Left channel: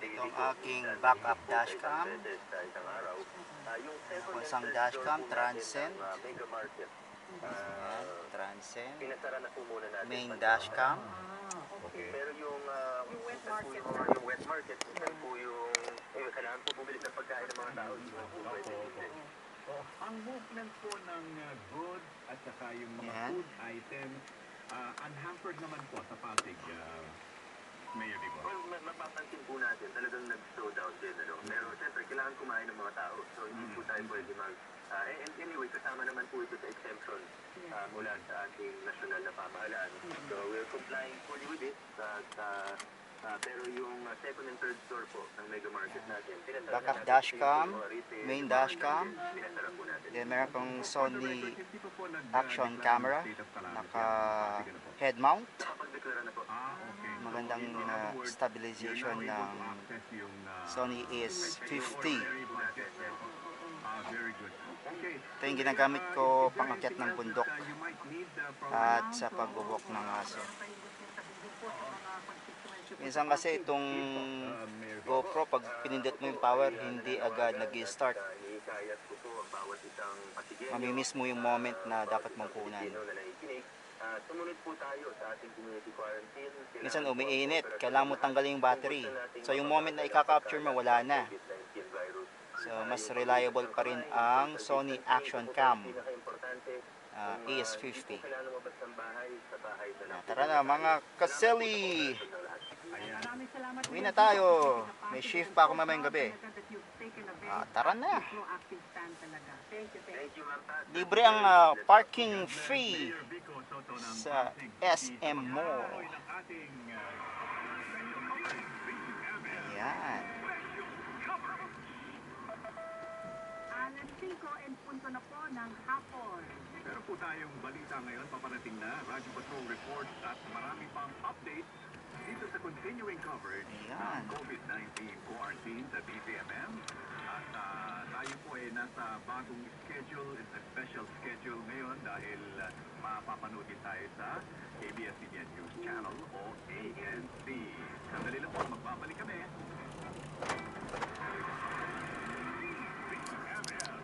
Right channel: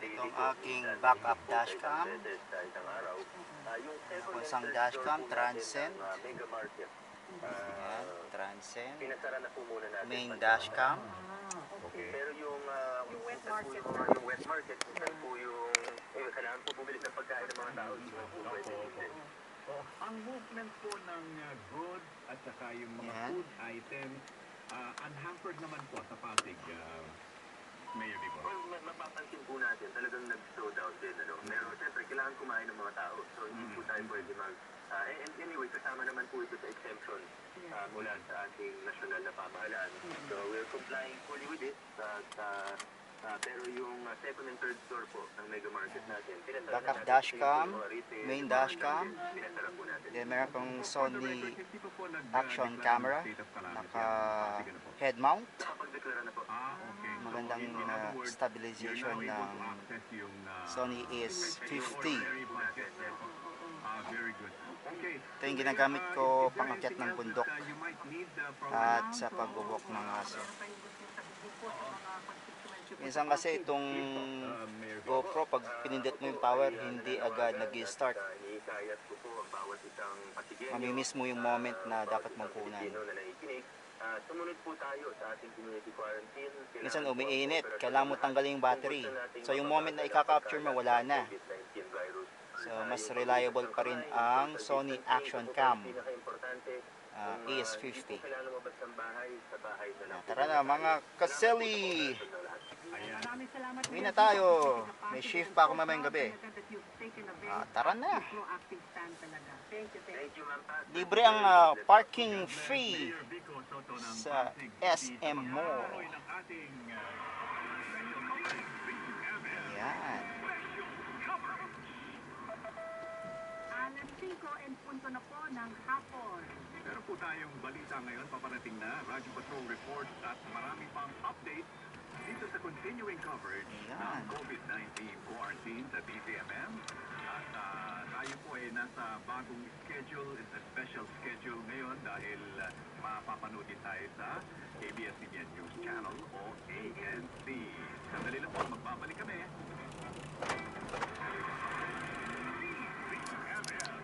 Ito ang aking backup dashcam. Isang dashcam, Transcend. Ayan, Transcend. Main dashcam. Pero yung wet market na. Yung wet market, po yung kailangan po bumili ng pagkain ng mga tao. Ang movement po ng goods at saka yung mga food items, unhampered naman po sa Pasig, Mayor Dibo. Well, mapapansin po natin, talagang nag-slow down din. Pero siyempre, kailangan kumain ng mga tao. So, hindi po tayo pwede and anyway, kasama naman po ito sa exemption mula sa ating national na pamahalaan. So, we're complying fully with it. Pero yung second and third store po ng mega market natin, Backup dashcam, main dashcam. Then meron pang Sony action camera, naka head mount. Magandang stabilization ng Sony AS-50. Ito yung ginagamit ko pangakyat ng bundok at sa pagbubok ng aso. Minsan kasi itong GoPro, pag pinindot mo yung power, hindi agad nag-start. Mamimiss mo yung moment na dapat mong kunan. Minsan umiinit, kailangan mo tanggalin yung battery. So yung moment na i-capture mo, wala na. So mas reliable pa rin ang Sony Action Cam AS-50. Tara na mga kaseli! Uwi na tayo. May shift pa ako mamayang gabi. Tara na. Libre ang parking fee sa SM Mall. Ayan. Alas 5 and punto na po ng hapon. Meron po tayong balita ngayon, paparating na Radyo Patrol reports at marami pang updates dito sa continuing coverage ng COVID-19 quarantine sa DCMM. At tayo po ay nasa bagong schedule, it's a special schedule ngayon dahil mapapanood din tayo sa ABS-CBN News Channel o ANC.